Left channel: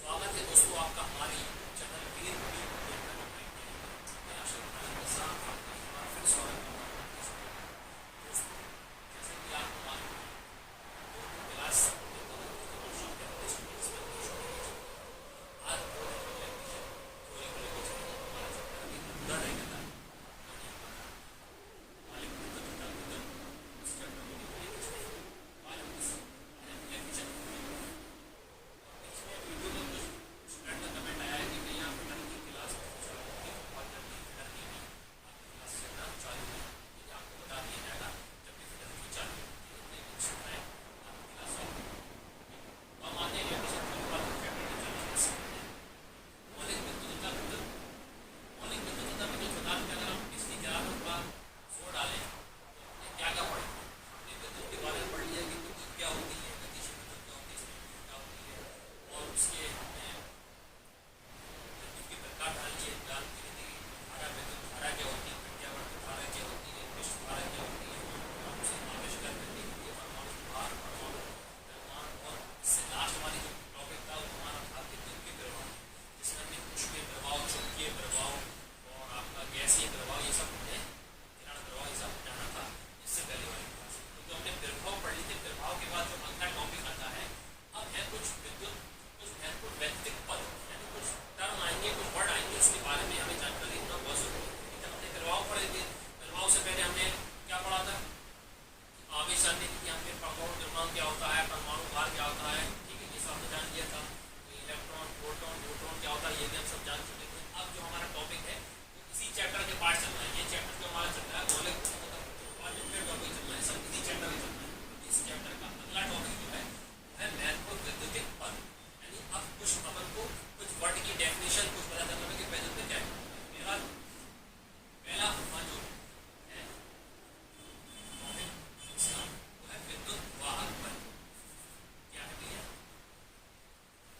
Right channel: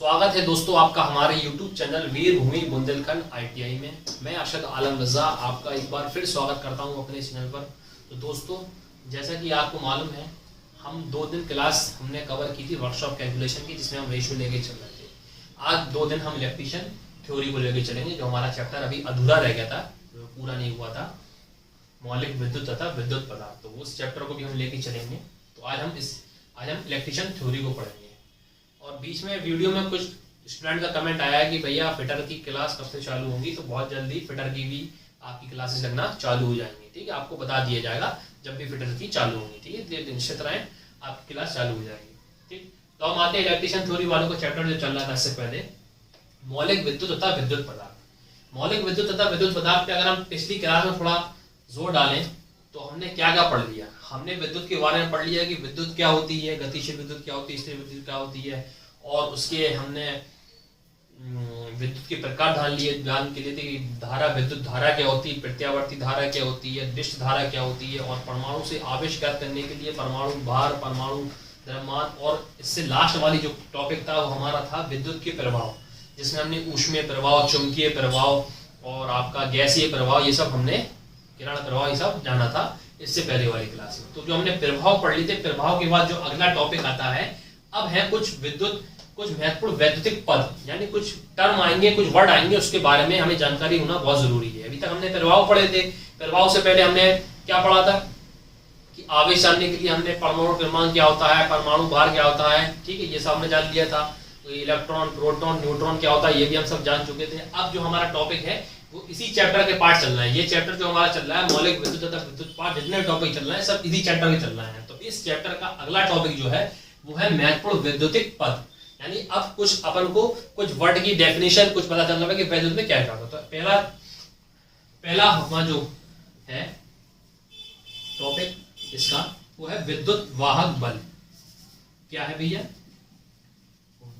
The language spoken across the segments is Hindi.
स्वागत है दोस्तों आपका हमारे YouTube चैनल वीरभूमि बुंदेलखंड ITI में। मैं अरशद आलम रज़ा आपका एक बार फिर स्वागत करता हूं अपने चैनल पर। तो दोस्तों, जैसा कि आपको मालूम है, हम 2 दिन क्लास हमने कवर की थी वर्कशॉप कैलकुलेशन की, जिसमें हम रेशियो लेके चल रहे थे। आज 2 दिन हम इलेक्ट्रीशियन थ्योरी को लेकर चलेंगे, जो हमारा चैप्टर अभी अधूरा रह गया था, जो पूरा नहीं हुआ था, मौलिक विद्युत तथा विद्युत पदार्थ। तो उस चैप्टर को भी हम लेके चलेंगे। तो आज हम इलेक्ट्रीशियन थ्योरी को पढ़ेंगे। और बीच में वीडियो में कुछ स्टूडेंट का कमेंट आया है कि भैया फिटर की क्लास कब से चालू होगी। तो बहुत जल्दी फिटर की भी आपकी क्लासेस लगना चालू हो जाएंगी, ठीक है। आपको बता दिया जाएगा जब भी फिटर की चालू होगी, ठीक है। निश्चित रहें, आपकी क्लास चालू हो जाएगी, ठीक। तो हम आते हैं इलेक्ट्रीशियन थ्योरी वालों को चैप्टर जो चल रहा था इससे पहले, मौलिक विद्युत तथा विद्युत पदार्थ। मौलिक विद्युत तथा विद्युत पदार्थ पे अगर हम पिछली क्लास में थोड़ा जोर डालें तो हमने क्या क्या पढ़ लिया। हमने विद्युत के बारे में पढ़ लिया कि विद्युत क्या होती है, गतिशील विद्युत क्या होती है, स्थिर विद्युत क्या होती है, और उसके हमने विद्युत के प्रकार जान के लिए थे कि धारा, विद्युत धारा क्या होती है, प्रत्यावर्ती धारा क्या होती है, डिश धारा क्या होती है, और परमाणु से आवेश ज्ञात करने के लिए परमाणु भार, परमाणु द्रव्यमान, और इससे लास्ट वाली जो टॉपिक था वो हमारा था विद्युत के प्रभाव, जिसमें हमने ऊष्मीय प्रभाव, चुंबकीय प्रभाव और आपका गैसीय प्रभाव, ये सब हमने किरण प्रभाव, ये सब जाना था इससे पहले वाली क्लास में। तो जो हमने प्रभाव पढ़ लिए थे, प्रभाव के बाद जो अगला टॉपिक आता है, अब है कुछ महत्वपूर्ण वैद्युतिक पद, यानी कुछ टर्म आएंगे, कुछ वर्ड आएंगे, उसके बारे में हमें जानकारी होना बहुत जरूरी है। अभी तक हमने प्रभाव पढ़े थे। प्रभाव से पहले हमने क्या पढ़ा था कि आवेश जानने के लिए हमने परमाणु क्रमांक क्या होता है, परमाणु भार क्या होता है, ठीक है, ये सब हमने जान लिया था। तो इलेक्ट्रॉन, प्रोटॉन, न्यूट्रॉन क्या होता है, ये भी हम सब जान चुके थे। अब जो हमारा टॉपिक है वो इसी चैप्टर के पार्ट चल रहा है। ये चैप्टर जो हमारा चल रहा है, मौलिक विद्युत तथा विद्युत पार्ट, जितने टॉपिक चल रहे हैं सब इसी चैप्टर के चल रहे हैं। तो इस चैप्टर का अगला टॉपिक जो है वो है महत्वपूर्ण वैद्युतिक पद। यानी अब कुछ अपन को कुछ वर्ड की डेफिनेशन कुछ पता चल रहा है कि वैद्युत में क्या क्या होता है। पहला हमारा जो है टॉपिक इसका वो है विद्युत वाहक बल। क्या है भैया?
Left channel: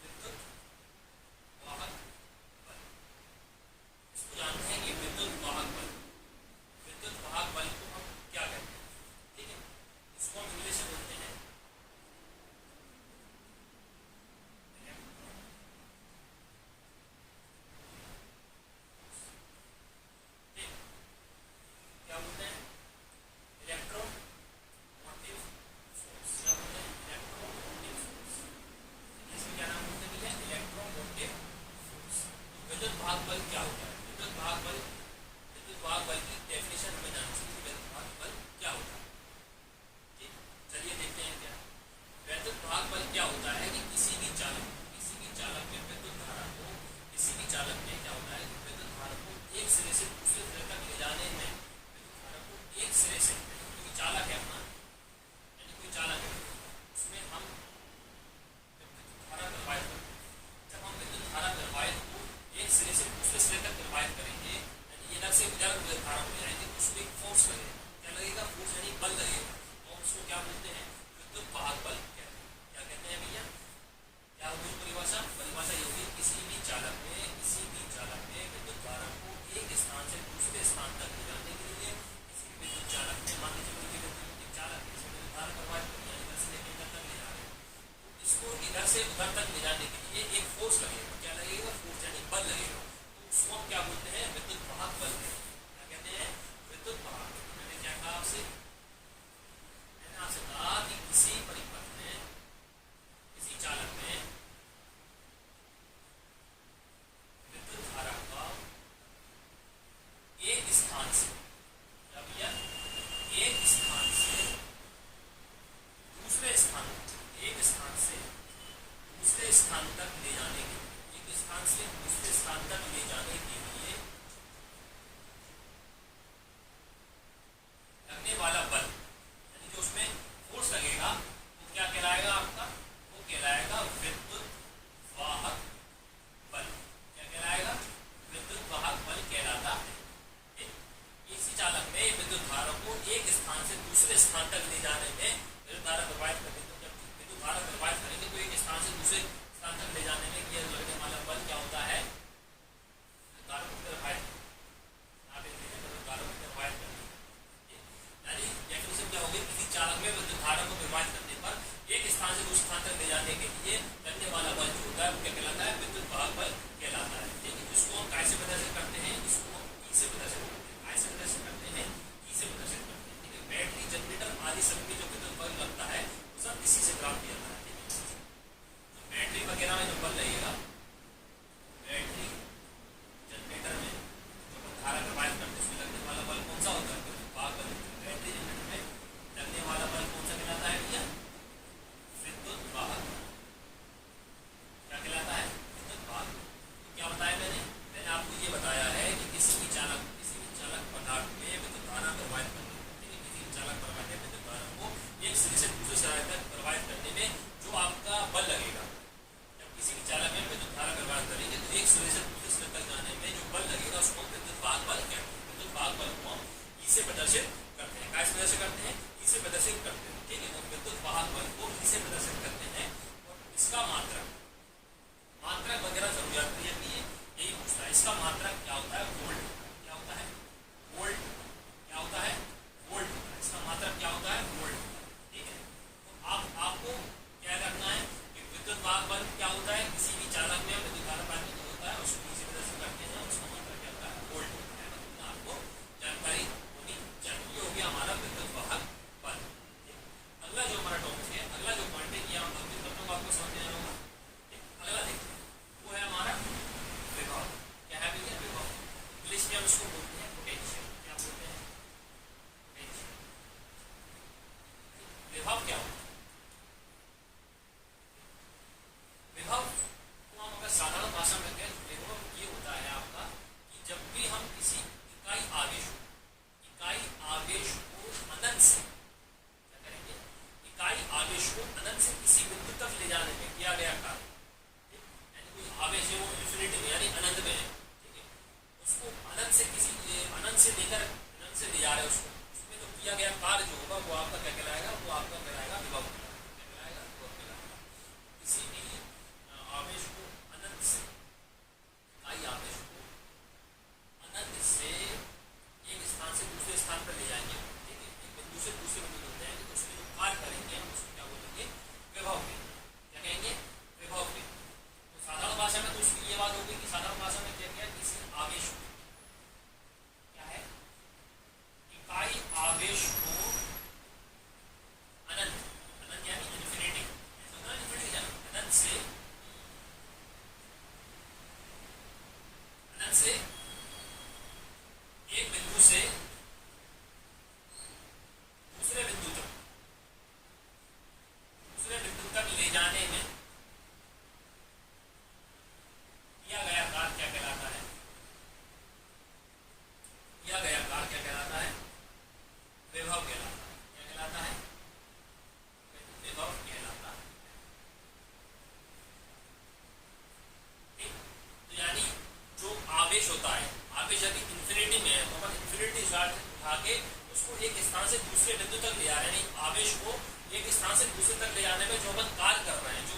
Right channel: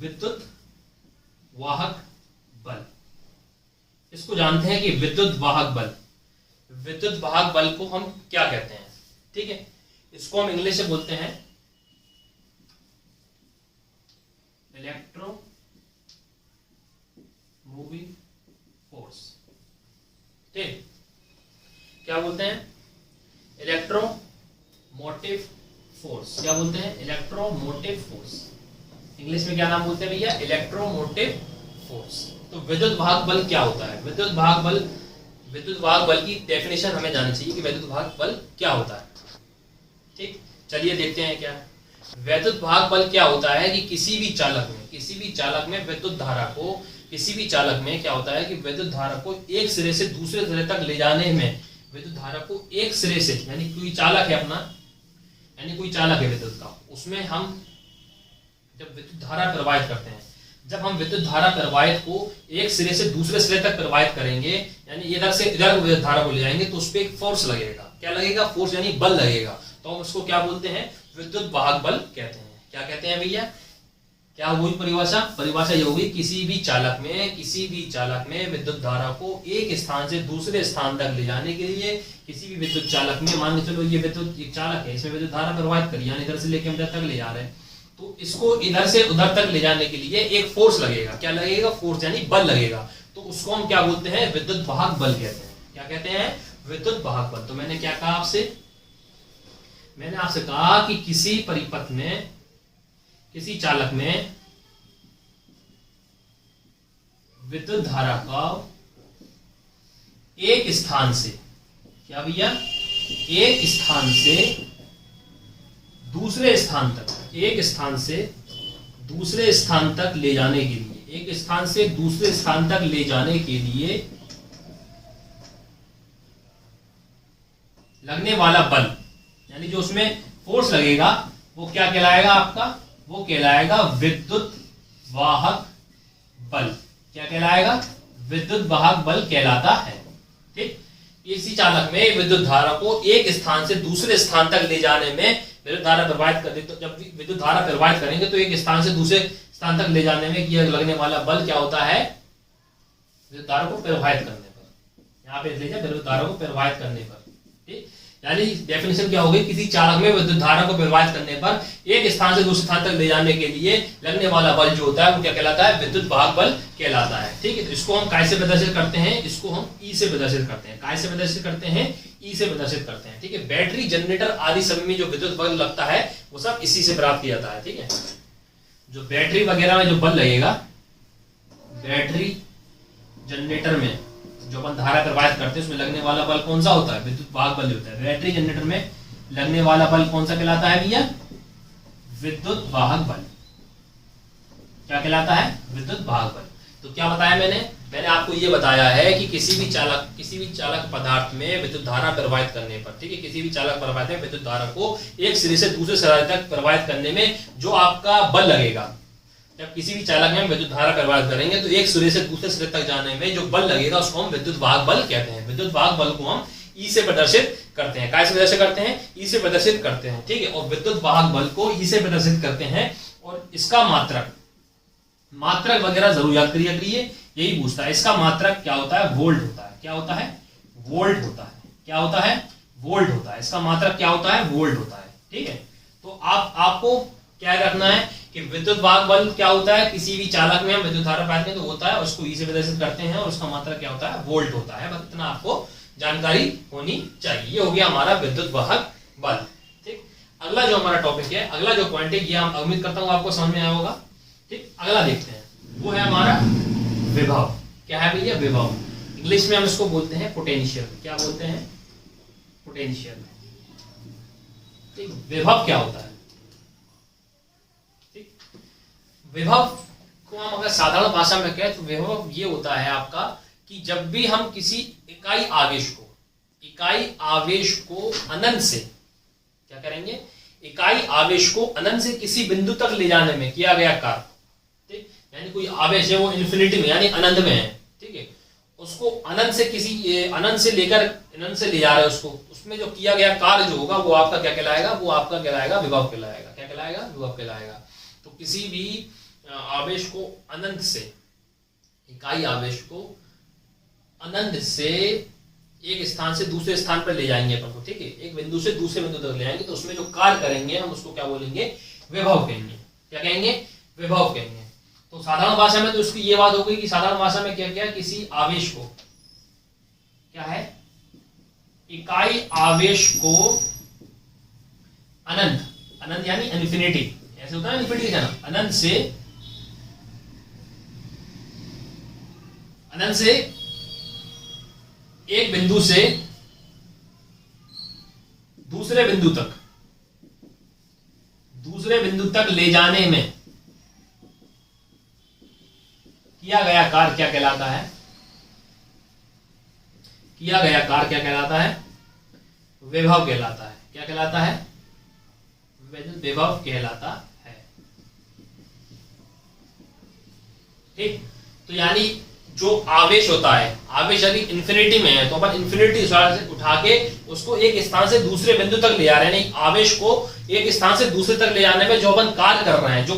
विद्युत वाहक बल। इसको जानते हैं कि विद्युत वाहक बल, विद्युत वाहक बल को हम क्या कहते हैं, ठीक है। इसको हम इंग्लिश से बोलते हैं इलेक्ट्रो मूविंग फोर्स, ठीक। क्या बोलते हैं? Electromotive force. क्या बोलते हैं? Electromotive force. इंग्लिश में क्या नाम बोलते हैं भैया? Electromotive force. तो विद्युत वाहक बल क्या होता है? विद्युत वाहक बल की डेफिनेशन हमें जाननी चाहिए कि विद्युत वाहक बल क्या होता है, ठीक। चलिए देखते हैं क्या वैद्युत वाहक बल क्या होता है। कि किसी भी चालक में विद्युत धारा को, किसी भी चालक में क्या होता है कि विद्युत धारा को एक सिरे से दूसरे सिरे तक ले जाने में, विद्युत धारा को एक सिरे से, यानी कोई चालक है अपना, यानी कोई चालक है विद्युत का, उसमें हम जब विद्युत धारा प्रवाहित करते हैं, जब हम विद्युत धारा प्रवाहित को एक सिरे से दूसरे सिरे तक प्रवाहित करेंगे, यानी इधर से इधर विद्युत धारा को ले जाएंगे, तो उस पर एक फोर्स लगेगा। क्या लगेगा? फोर्स, यानी बल लगेगा। तो हम उसको क्या बोलते हैं? विद्युत वाहक बल कहते हैं। क्या कहते हैं भैया? क्या हुई परिभाषा ये होगी, किसी भी चालक में विद्युत धारा को एक स्थान से दूसरे स्थान तक ले जाने के लिए, किसी भी विद्युत चालक में, मान के चलो ये विद्युत एक चालक है, इसमें विद्युत धारा प्रवाहित करी, यानी इधर से लेकर इधर तक ले जा रहे हैं, तो इसको इधर से उधर तक ले जाने के लिए एक फोर्स लगेगा। क्या लगेगा? फोर्स, यानी बल लगेगा। तो उसको हम क्या बोलते हैं? विद्युत वाहक बल कहते हैं। क्या कहते हैं? विद्युत वाहक बल। तो मैंने क्या कहा आपसे? मैंने आपसे कहा कि किसी परिपथ में, किसी चालक में विद्युत धारा का एक स्थान से, क्या भैया? एक स्थान से दूसरे स्थान तक, एक स्थान से दूसरे स्थान तक ले जाने के लिए, एक स्थान से दूसरे स्थान तक ले जाने के लिए लगने वाला बल, यानी जो उसमें फोर्स लगेगा वो क्या कहलाएगा आपका? वो कहलाएगा विद्युत वाहक बल। क्या कहलाएगा? विद्युत वाहक बल कहलाता है, ठीक। इसी चालक में विद्युत धारा को एक स्थान से दूसरे स्थान तक ले जाने में विद्युत धारा प्रवाहित करते, तो जब विद्युत धारा प्रवाहित करेंगे तो एक स्थान से दूसरे स्थान तक ले जाने में किया लगने वाला बल क्या होता है? विद्युत धारा को प्रवाहित करने पर। यहाँ पे लीजिए, विद्युत धारा को प्रवाहित करने पर, ठीक। यानी डेफिनेशन क्या होगी, किसी चालक में विद्युत धारा को प्रवाहित करने पर एक स्थान से दूसरे स्थान तक ले जाने के लिए लगने वाला बल जो होता है वो क्या कहलाता है, विद्युत वाहक बल कहलाता है। ठीक है, तो इसको हम काय से प्रदर्शित करते हैं, इसको हम ई से प्रदर्शित करते हैं। काय से प्रदर्शित करते हैं, ई से प्रदर्शित करते हैं। ठीक है, बैटरी, जनरेटर आदि सभी में जो विद्युत बल लगता है वो सब इसी से प्राप्त किया जाता है। ठीक है, जो बैटरी वगैरह में जो बल लगेगा, बैटरी जनरेटर में जो अपन धारा प्रवाहित करते हैं उसमें लगने वाला बल कौन सा होता है, विद्युत वाहक बल होता है। बैटरी जनरेटर में लगने वाला बल कौन सा कहलाता है भैया, विद्युत वाहक बल। क्या कहलाता है, विद्युत वाहक बल। तो क्या बताया मैंने आपको ये बताया है कि किसी भी चालक पदार्थ में विद्युत धारा प्रवाहित करने पर, ठीक है, किसी भी चालक पदार्थ में विद्युत धारा को एक सिरे से दूसरे सिरे तक प्रवाहित करने में जो आपका बल लगेगा, जब किसी भी चालक में विद्युत धारा प्रवाहित करेंगे तो एक सिरे से दूसरे सिरे तक जाने में जो बल लगेगा उसको हम विद्युत वाहक बल कहते हैं। विद्युत वाहक बल को हम ई से प्रदर्शित करते हैं। काय से प्रदर्शित करते हैं, ई से प्रदर्शित करते हैं। ठीक है, और विद्युत वाहक बल को ई से प्रदर्शित करते हैं और इसका मात्रक वगैरह जरूर याद करिए, यही पूछता है। इसका मात्रक क्या होता है, वोल्ट होता है। क्या होता है, वोल्ट होता है। क्या होता है, वोल्ट होता है। इसका मात्रक क्या होता है, वोल्ट होता है। ठीक है, तो आपको क्या रखना है कि विद्युत वाहक बल क्या होता है, किसी भी चालक में हम विद्युत धारा प्रवाहित करते हैं तो होता है, उसको ई से प्रदर्शित करते हैं और उसका मात्रक क्या होता है, वोल्ट होता है। बस इतना आपको जानकारी होनी चाहिए। ये हो गया हमारा विद्युत वाहक बल। ठीक, अगला जो हमारा टॉपिक है, अगला जो पॉइंट है, ये हम उम्मीद करता हूँ आपको समझ में आया होगा। ठीक, अगला देखते हैं, वो है हमारा विभव। क्या है भैया, विभव। इंग्लिश में हम इसको बोलते हैं पोटेंशियल। क्या बोलते हैं, पोटेंशियल। ठीक, विभव क्या होता है, विभव को हम अगर साधारण भाषा में कहें तो विभव ये होता है आपका कि जब भी हम किसी इकाई आवेश को अनंत से, क्या करेंगे, इकाई आवेश को अनंत से किसी बिंदु तक ले जाने में किया गया कार्य। ठीक, यानी कोई आवेश है वो इन्फिनिटी में यानी अनंत में है। ठीक है, उसको अनंत से लेकर अनंत से ले जा रहे हैं उसको, उसमें जो किया गया कार्य जो होगा वो आपका क्या कहलाएगा, वो आपका कहलाएगा विभव कहलाएगा। क्या कहलाएगा, विभव कहलाएगा। तो किसी भी आवेश को अनंत से, इकाई आवेश को अनंत से एक स्थान से दूसरे स्थान पर ले जाएंगे अपन को। ठीक है, एक बिंदु से दूसरे बिंदु तक ले जाएंगे तो उसमें जो कार्य करेंगे हम उसको क्या बोलेंगे, विभव कहेंगे। क्या कहेंगे, विभव कहेंगे। तो साधारण भाषा में तो उसकी ये बात हो गई कि साधारण भाषा में क्या क्या, किसी आवेश को, क्या है, इकाई आवेश को अनंत यानी इन्फिनिटी, ऐसे होता है इन्फिनिटी का ना, अनंत से एक बिंदु से दूसरे बिंदु तक ले जाने में किया गया कार्य क्या कहलाता है, किया गया कार्य क्या कहलाता है, विभव कहलाता है। क्या कहलाता है, विभव कहलाता है। ठीक, तो यानी जो आवेश होता है, आवेश यदि इन्फिनिटी में है तो अपन इन्फिनिटी से उठा के उसको एक स्थान से दूसरे बिंदु तक ले जा रहे हैं। आवेश को एक स्थान से दूसरे तक ले जाने में जो अपन कार्य कर रहे हैं, तो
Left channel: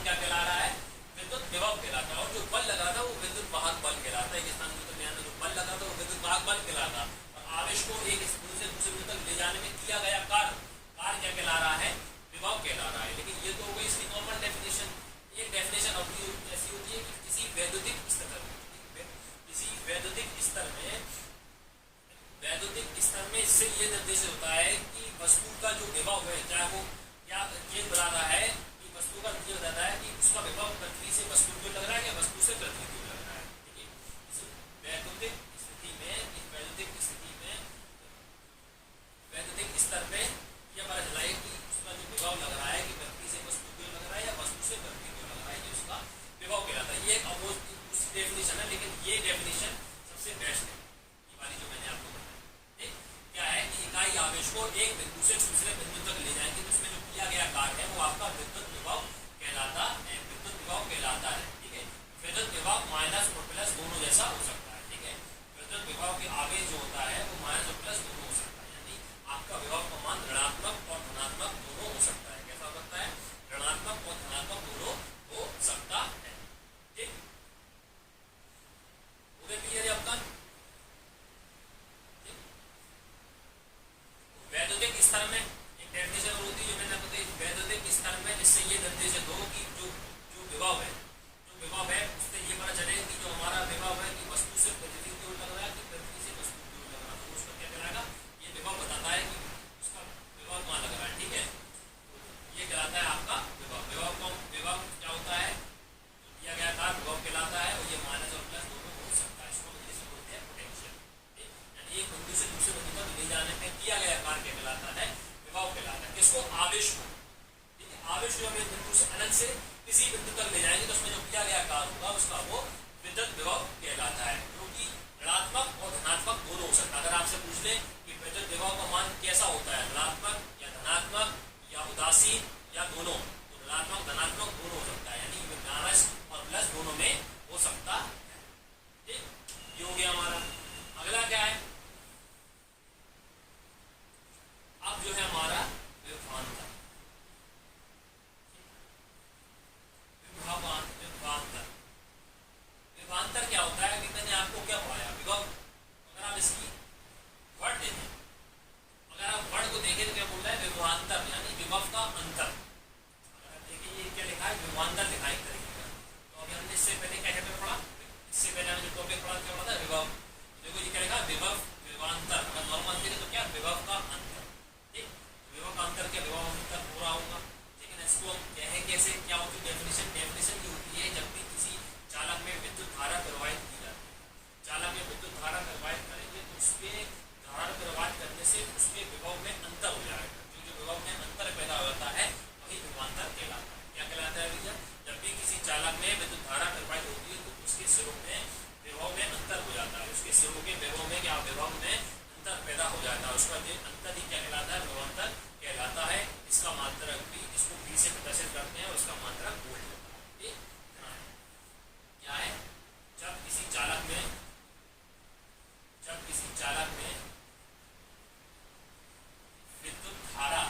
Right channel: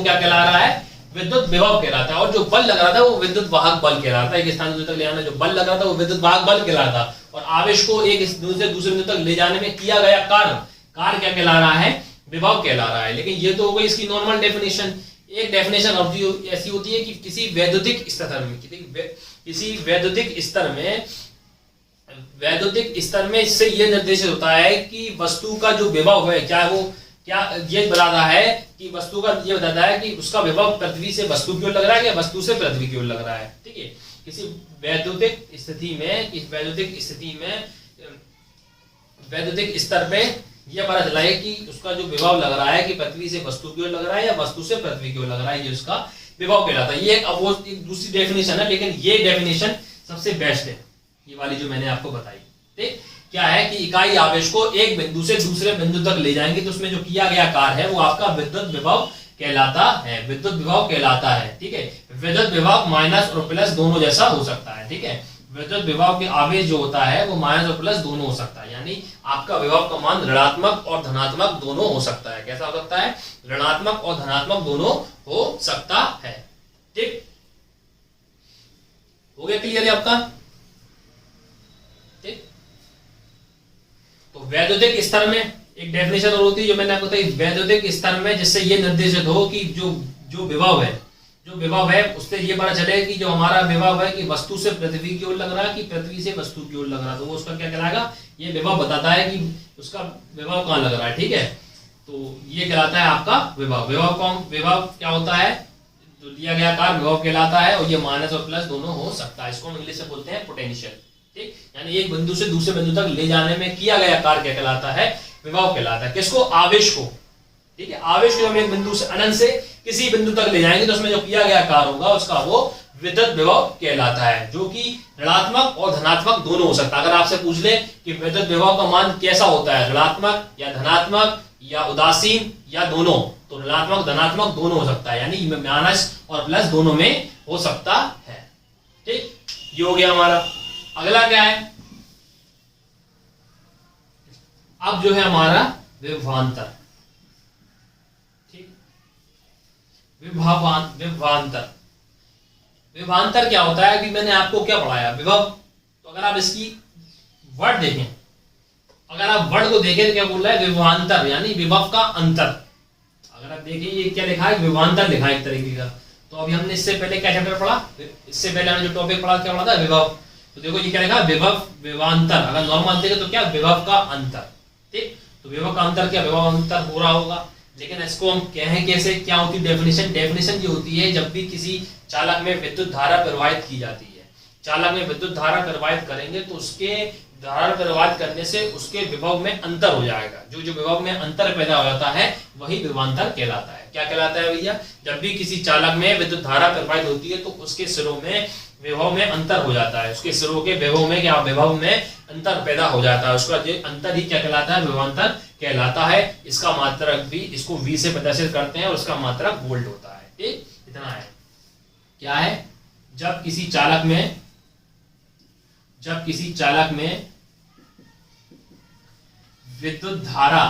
क्या कहला रहा है, विद्युत विभव कहलाता है। और जो बल लग रहा था वो विद्युत वाहक बल कहलाता है। एक स्थान से दूसरे तक ले जाने जो बल लग रहा था वो विद्युत वाहक बल कहलाता है। और आवेश को एक बिंदु से दूसरे बिंदु तक ले जाने में किया गया कार्य क्या कहला रहा है, विभव कहला रहा है। लेकिन ये तो हो गई इसकी नॉर्मल डेफिनेशन। एक डेफिनेशन ऐसी होती है कि किसी वैद्युतिक स्तर में इससे ये निर्देशित होता है कि वस्तु का जो विभव है, ये बताता है कि वस्तु का ये बताता है कि उसका विभव पृथ्वी से वस्तु की ओर लग रहा है या वस्तु से पृथ्वी की ओर लग रहा है। ठीक है, किसी वैद्युतिक स्तर पे यह पता चला है कि उसका जो विभव लग रहा है कि पृथ्वी से वस्तु की ओर लग रहा है या वस्तु से पृथ्वी की ओर लग रहा है, ये उसका विभव कहलाता है। ये एक दूसरी डेफिनेशन है, लेकिन ये डेफिनेशन सबसे बेस्ट है, ये वाली जो मैंने आपको बताई। ठीक, क्या है कि इकाई आवेश को एक बिंदु से दूसरे बिंदु तक ले जाएंगे तो उसमें जो किया गया कार्य है वो आपका विद्युत विभव कहलाता है। ठीक है, विद्युत विभव माइनस और प्लस दोनों जैसा हो सकता है। ठीक है, विद्युत विभव के आवेश जो होता है वो माइनस और प्लस दोनों हो सकता है। यानी आपका विभव का मान ऋणात्मक और धनात्मक दोनों हो सकता है। कैसा हो सकता है, ऋणात्मक और धनात्मक दोनों हो सकता है। ठीक, हो गया क्लियर है आपका। ठीक, वैद्युतिक स्तर में एक डेफिनेशन और होती है जो मैंने आपको बताई, वैद्युतिक स्तर में, जिससे ये निर्देशित हो कि जो विभव है उससे ये पता चले कि जो हमारा विभव है कि वस्तु से पृथ्वी की ओर लग रहा है कि पृथ्वी से वस्तु की ओर लग रहा है, तो वो उसका क्या कहलाएगा, ये विभव बताता है कि उसका विभव कहाँ लग रहा है। ठीक है, तो ये कहलाता है आपका विभव। विभव क्या होता है, तो दिया गया कार्य विभव कहलाता है, और ये माइनस और प्लस दोनों हो सकता है। इसको हम इंग्लिश में बोलते हैं पोटेंशियल। ठीक, यानी एक बिंदु से दूसरे बिंदु तक ले जाने में किया गया कार्य क्या कहलाता है, विभव कहलाता है। किसको, आवेश को। ठीक है, आवेश को हम एक बिंदु से अनंत से किसी बिंदु तक ले जाएंगे तो उसमें जो किया गया कार्य होगा उसका वो विद्युत विभव कहलाता है, जो कि ऋणात्मक और धनात्मक दोनों हो सकता है। अगर आपसे पूछ ले कि विद्युत विभव का मान कैसा होता है, ऋणात्मक या धनात्मक या उदासीन या दोनों, तो ऋणात्मक धनात्मक दोनों हो सकता है, यानी माइनस और प्लस दोनों में हो सकता है। ठीक, ये हो गया हमारा। अगला क्या है, अब जो है हमारा विभवांतर। ठीक, विभवांतर। विभवांतर क्या होता है कि मैंने आपको क्या पढ़ाया, विभव। तो अगर आप इसकी वर्ड देखें, अगर आप वर्ड को देखें तो क्या बोल रहा है, विभवांतर, यानी विभव का अंतर। अगर आप देखें ये क्या लिखा है, विभवांतर लिखा है एक तरीके का। तो अभी हमने इससे पहले क्या चैप्टर पढ़ा, इससे पहले हमने जो टॉपिक पढ़ा क्या पढ़ा था, विभव। तो देखो ये क्या लिखा है, विभव विभवांतर। अगर नॉर्मल देखें तो क्या, विभव का अंतर। ठीक, तो विभव का अंतर क्या, विभव अंतर हो रहा होगा, लेकिन इसको हम कहें कैसे, क्या होती है डेफिनेशन। डेफिनेशन ये होती है जब भी किसी चालक में विद्युत धारा प्रवाहित की जाती है, चालक में विद्युत धारा प्रवाहित करेंगे तो उसके धारा प्रवाहित करने से उसके विभव में अंतर हो जाएगा। जो विभव में अंतर पैदा हो जाता है वही विभवांतर कहलाता है। क्या कहलाता है भैया, जब भी किसी चालक में विद्युत धारा प्रवाहित होती है तो उसके सिरों में विभव में अंतर हो जाता है, उसके सिरों के विभव में क्या, विभव में अंतर पैदा हो जाता है। उसका जो अंतर ही क्या कहलाता है, विभवांतर कहलाता है। इसका मात्रक भी, इसको V से प्रदर्शित करते हैं और उसका मात्रक वोल्ट होता है। ठीक, इतना है। क्या है, जब किसी चालक में विद्युत धारा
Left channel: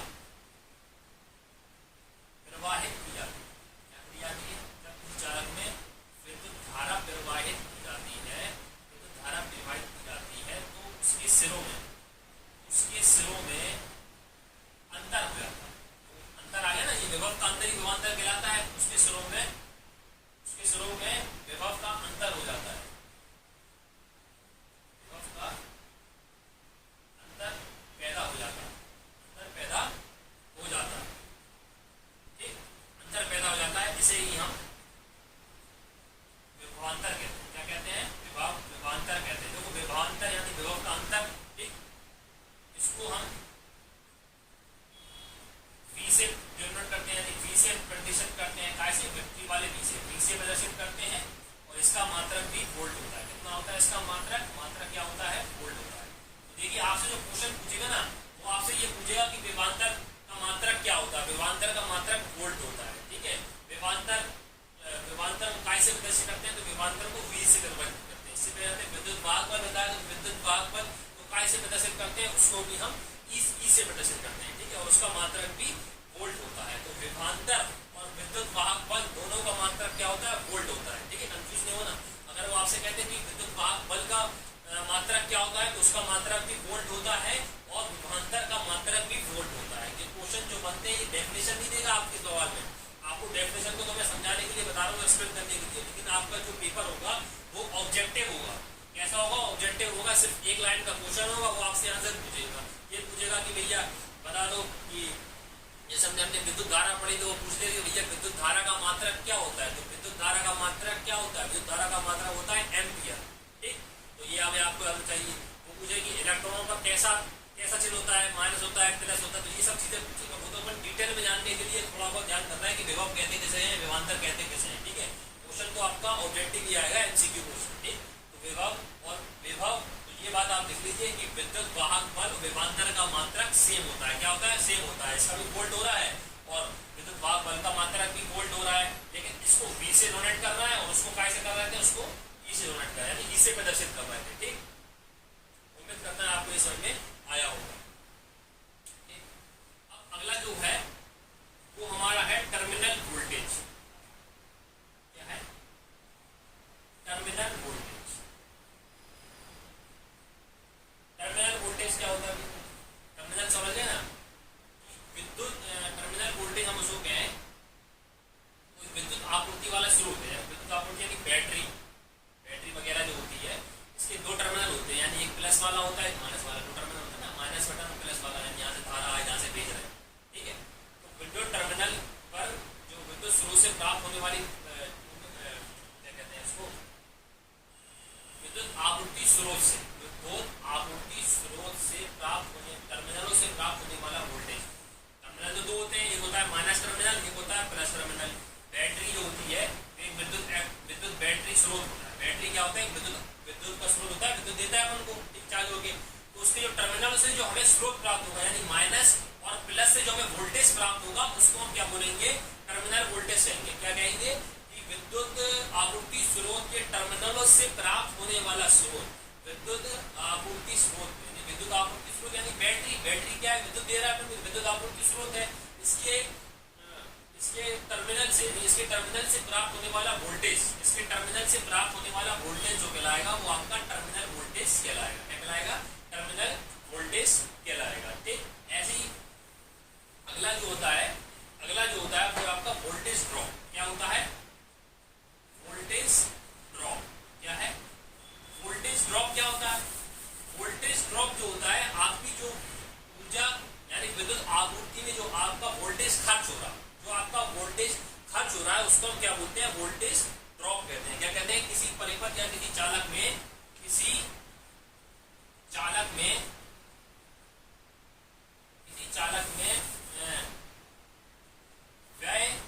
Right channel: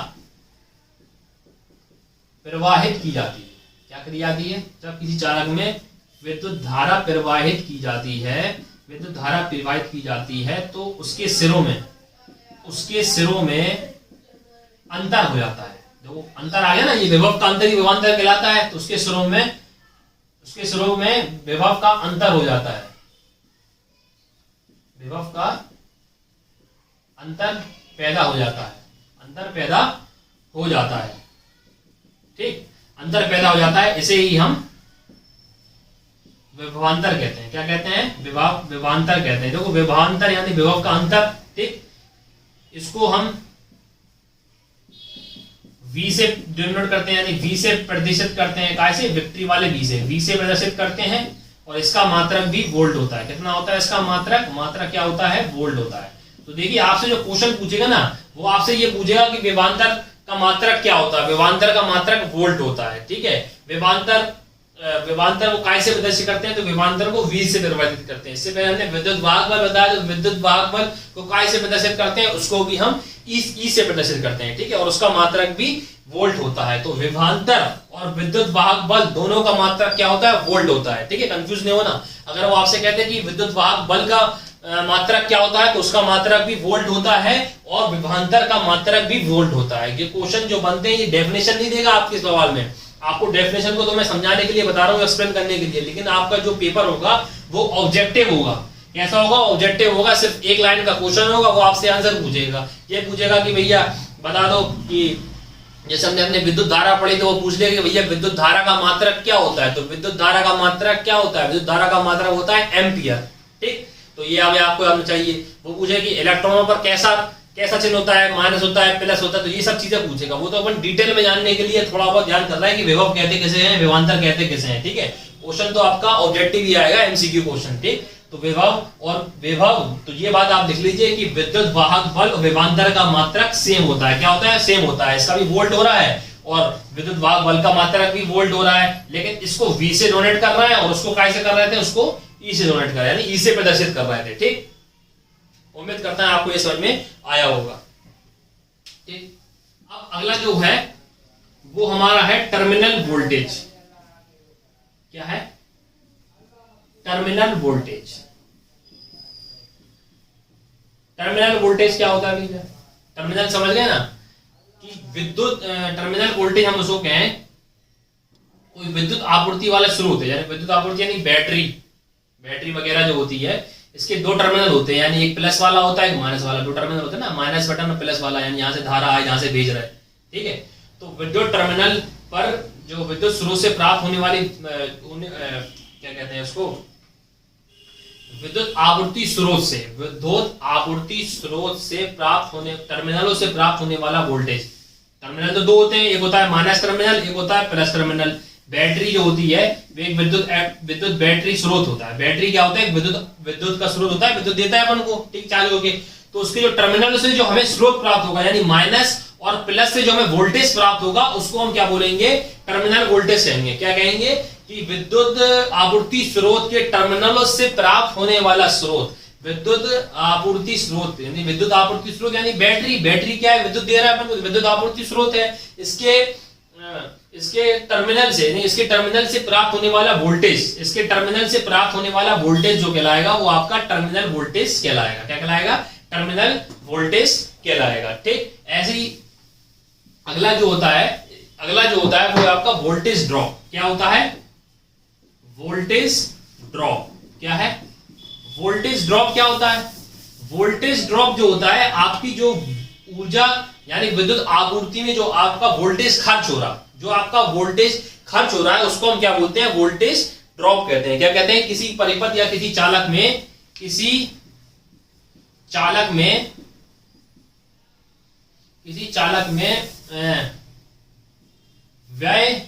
प्रवाहित की जाती है, क्या करी जाती है, जब किसी चालक में विद्युत धारा प्रवाहित की जाती है, विद्युत धारा प्रवाहित की जाती है तो उसके सिरों में अंतर हो जाता है। देखो अंतर आ गया ना, ये विभव का अंतर ही विभवांतर कहलाता है। तो उसके सिरों में विभव का अंतर हो जाता है, विभव का अंतर पैदा हो जाता है, अंतर पैदा हो जाता है। ठीक, अंतर पैदा हो जाता है, इसे ही हम विभवांतर कहते हैं। क्या कहते हैं, विभवांतर कहते हैं। देखो विभवांतर यानी विभव का अंतर। ठीक, इसको हम V से डिनोट करते हैं, यानी V से प्रदर्शित करते हैं। कैसे, विपरीत वाले V से प्रदर्शित करते हैं, और इसका मात्रक भी वोल्ट होता है। कितना होता है इसका मात्रक क्या होता है, वोल्ट होता है। तो देखिए आपसे जो क्वेश्चन पूछेगा ना, वो आपसे ये पूछेगा कि विभवांतर का मात्रक क्या होता है। विभवांतर का मात्रक वोल्ट होता है। ठीक है, विभवांतर को काय से प्रदर्शित करते हैं, तो विभवांतर को V से परिवर्तित करते हैं। इससे पहले हमने विद्युत वाहक बल बताया, तो विद्युत वाहक बल को काय से प्रदर्शित करते हैं, उसको भी हम ई से प्रदर्शित करते हैं। ठीक है, और उसका मात्रक भी वोल्ट होता है। तो विभवांतर और विद्युत वाहक बल दोनों का मात्रक क्या होता है, वोल्ट होता है। ठीक है, कंफ्यूज नहीं होना। अगर वो आपसे कहते हैं कि विद्युत वाहक बल का मात्रक क्या होता है, तो उसका मात्रक भी वोल्ट होता है और विभवांतर का मात्रक भी वोल्ट होता है। ये क्वेश्चन जो बनते हैं ये डेफिनेशन नहीं देगा आपके सवाल में। आपको डेफिनेशन को तो मैं समझाने के लिए बता रहा हूँ, एक्सप्लेन करने के लिए, लेकिन आपका जो पेपर होगा वो ऑब्जेक्टिव होगा। कैसा होगा, ऑब्जेक्टिव होगा। सिर्फ एक लाइन का क्वेश्चन होगा, वो आपसे आंसर पूछेगा। ये पूछेगा कि भैया बता दो कि जैसे हमने अपने विद्युत धारा पढ़ी, तो वो पूछ लेगा कि भैया विद्युत धारा का मात्रक क्या होता है। तो विद्युत धारा का मात्रक क्या होता है, विद्युत धारा का मात्रक होता है एम्पियर। ठीक, तो ये हमें आपको याद चाहिए। वो पूछे कि इलेक्ट्रॉनों पर कैसा चिन्ह होता है, माइनस होता है, प्लस होता है, तो ये सब चीजें पूछेगा। वो तो अपन डिटेल में जानने के लिए थोड़ा बहुत ध्यान कर रहा है कि विभव कहते कैसे हैं, विभवांतर कहते कैसे हैं। ठीक है, क्वेश्चन तो आपका ऑब्जेक्टिव ही आएगा, एमसीक्यू क्वेश्चन। ठीक, तो विभव, तो ये बात आप लिख लीजिए कि विद्युत वाहक बल और विभवांतर का मात्रक सेम होता है। क्या होता है, सेम होता है। इसका भी वोल्ट हो रहा है और विद्युत वाहक बल का मात्रक भी वोल्ट हो रहा है, लेकिन इसको V से डोनेट कर रहा है और उसको कैसे कर रहे थे, उसको E से डोनेट कर रहे हैं, यानी E से प्रदर्शित कर रहे थे। ठीक, उम्मीद करता है आपको ये समझ में आया होगा। ठीक, अब अगला जो है वो हमारा है टर्मिनल वोल्टेज। क्या है, टर्मिनल वोल्टेज। टर्मिनल वोल्टेज क्या होता है भैया, टर्मिनल समझ गए ना, कि विद्युत टर्मिनल वोल्टेज हम उसको कहें कोई विद्युत आपूर्ति वाला स्रोत है, यानी विद्युत आपूर्ति यानी बैटरी वगैरह जो होती है, इसके दो टर्मिनल होते हैं, यानी एक प्लस वाला होता है एक माइनस वाला। दो टर्मिनल होता है ना, माइनस बटन और प्लस वाला, यानी यहाँ से धारा है यहाँ से भेज रहा है, ठीक है। तो विद्युत टर्मिनल पर जो विद्युत स्रोत से प्राप्त होने वाली क्या कहते हैं उसको, विद्युत आपूर्ति स्रोत से, विद्युत आपूर्ति स्रोत से प्राप्त होने, टर्मिनलों से प्राप्त होने वाला वोल्टेज। टर्मिनल तो दो होते हैं, एक होता है माइनस टर्मिनल, एक होता है प्लस टर्मिनल। बैटरी जो होती है वो एक विद्युत बैटरी स्रोत होता है। बैटरी क्या होता है, विद्युत का स्रोत होता है, विद्युत देता है अपन को, ठीक, चार्ज होके। तो उसके जो टर्मिनल से जो हमें स्रोत प्राप्त होगा, यानी माइनस और प्लस से जो हमें वोल्टेज प्राप्त होगा, उसको हम क्या बोलेंगे, टर्मिनल वोल्टेज कहेंगे। क्या कहेंगे कि विद्युत आपूर्ति स्रोत के टर्मिनलों से प्राप्त होने वाला स्रोत, विद्युत आपूर्ति स्रोत, यानी विद्युत आपूर्ति स्रोत यानी बैटरी क्या है, विद्युत दे रहा है अपन को, विद्युत आपूर्ति स्रोत है। इसके टर्मिनल से, यानी इसके टर्मिनल से प्राप्त होने वाला वोल्टेज, इसके टर्मिनल से प्राप्त होने वाला वोल्टेज जो कहलाएगा वो आपका टर्मिनल वोल्टेज कहलाएगा। क्या कहलाएगा, टर्मिनल वोल्टेज कहलाएगा, ठीक। ऐसे ही अगला जो होता है वो आपका वोल्टेज ड्रॉप। क्या होता है, वोल्टेज ड्रॉप क्या है, वोल्टेज ड्रॉप क्या होता है, वोल्टेज ड्रॉप जो होता है आपकी जो ऊर्जा, यानी विद्युत आपूर्ति में जो आपका वोल्टेज खर्च हो रहा, जो आपका वोल्टेज खर्च हो रहा है, उसको हम क्या बोलते हैं, वोल्टेज ड्रॉप कहते हैं। क्या कहते हैं, किसी परिपथ या किसी चालक में व्यय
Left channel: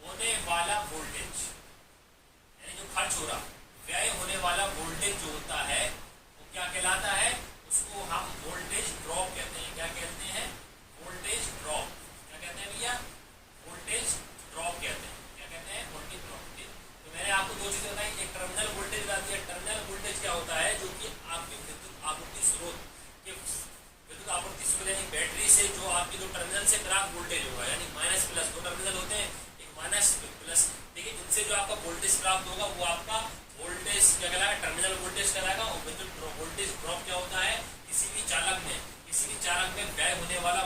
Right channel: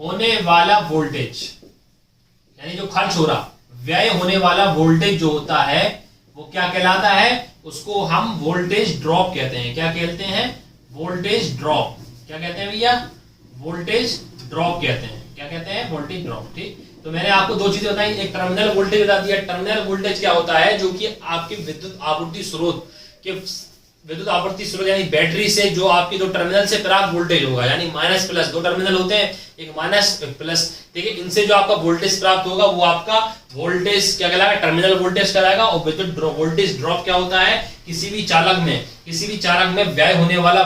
होने वाला वोल्टेज, यानी जो खर्च हो रहा, व्यय होने वाला वोल्टेज जो होता है वो क्या कहलाता है, उसको हम वोल्टेज ड्रॉप कहते हैं। क्या कहते हैं, वोल्टेज ड्रॉप। क्या कहते हैं भैया, वोल्टेज ड्रॉप कहते हैं। क्या कहते हैं, वोल्टेज ड्रॉप, ठीक। तो मैंने आपको दो चीजें बताई, एक टर्मिनल वोल्टेज बता दिया। टर्मिनल वोल्टेज क्या होता है, जो कि आपके विद्युत आपूर्ति स्रोत यानी बैटरी से जो आपकी दो टर्मिनल से प्राप्त वोल्टेज होगा, यानी माइनस प्लस, दो टर्मिनल होते हैं, एक माइनस प्लस, ठीक है। इनसे जो आपका वोल्टेज प्राप्त होगा वो आपका वोल्टेज क्या कहलाएगा, टर्मिनल वोल्टेज कहलाएगा। और विद्युत वोल्टेज ड्रॉप क्या होता है, किसी भी चालक में व्यय होने वाला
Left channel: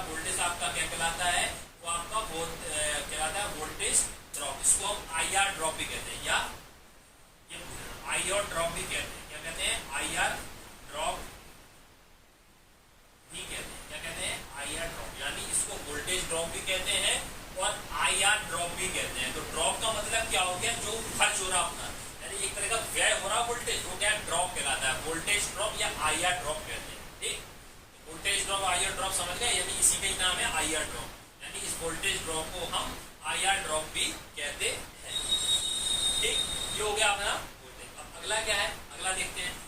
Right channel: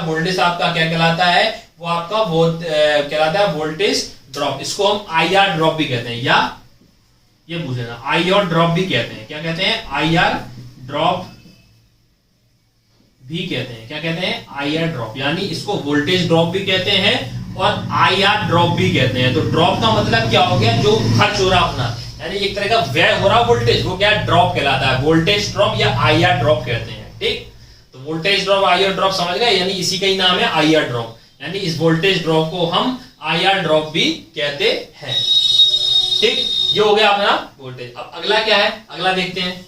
वोल्टेज आपका क्या कहलाता है, वो आपका कहलाता है वोल्टेज ड्रॉप। इसको हम IR ड्रॉप भी कहते हैं, या ये पूछ लेना, IR ड्रॉप भी कहते हैं। क्या कहते हैं, IR ड्रॉप भी कहते हैं। क्या कहते हैं, IR ड्रॉप, यानी इसको वोल्टेज ड्रॉप भी कहते हैं और IR ड्रॉप भी कहते हैं। तो ड्रॉप का मतलब क्या हो गया, जो खर्च हो रहा अपना, यानी एक तरह का व्यय हो रहा वोल्टेज, वो क्या ड्रॉप कहलाता है, वोल्टेज ड्रॉप या IR ड्रॉप कहते हैं, ठीक। तो वोल्टेज ड्रॉप, IR ड्रॉप समझ गए, यानी इसी का ही नाम है IR ड्रॉप, यानी इस वोल्टेज ड्रॉप को हम IR ड्रॉप भी कहते हैं, ठीक। ये हो गया अपना वोल्टेज। अब अगला क्या है, अगला देखते हैं।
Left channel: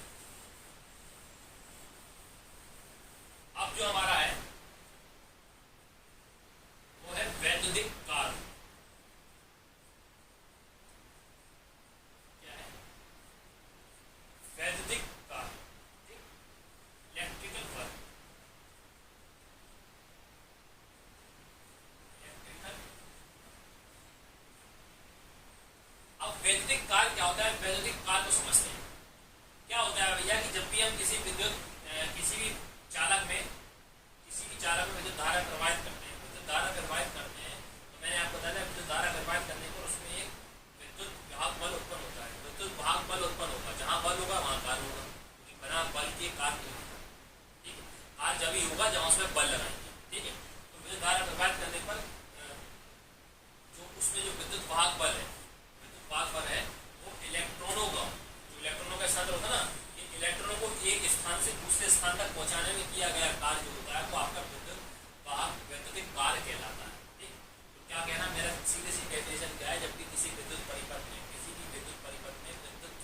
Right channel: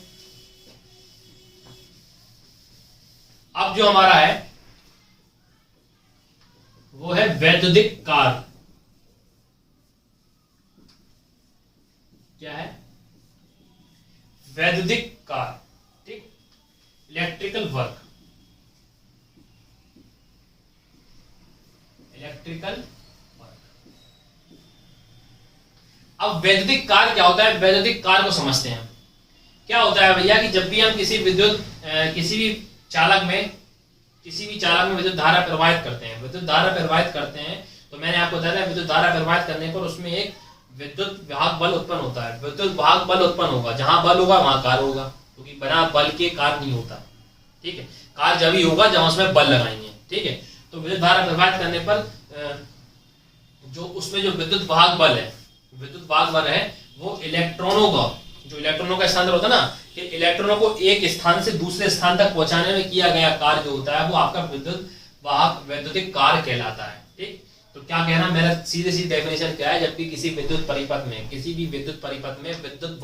अब जो हमारा है वो है वैद्युतिक कार्य। क्या है, वैद्युतिक कार्य, ठीक, इलेक्ट्रिकल वर्क, अब वैद्युतिक कार्य क्या होता है, वैद्युतिक कार्य को समझते हैं। क्या होता है भैया कि जब भी हम किसी भी चालक में विद्युत धारा प्रवाहित करते हैं, तो मैंने आपको बताया था विद्युत धारा प्रवाहित करने पर उसमें एक विद्युत वाहक बल उत्पन्न होता है। विद्युत वाहक बल उत्पन्न होगा, जहां बल होगा वहां कार्य होगा, क्योंकि बिना बल के कार्य नहीं होता, ठीक है। कार्य जब ही होगा जहां उसमें बल लगाएंगे, ठीक है। तो विद्युत धारा प्रवाहित करने पर जो उसमें जो विद्युत वाहक बल है वो इलेक्ट्रॉनों का स्थानांतरण होता है ना, कि इलेक्ट्रॉनों को एक स्थान से दूसरे स्थान तक पहुंचाने में किया गया कार्य जो होता है वो आपका वैद्युतिक कार्य कहलाता है, ठीक। तो क्या कहना, मेरा सीधे डेफिनेशन क्या है, जबकि किसी भी विद्युत परिपथ में विद्युत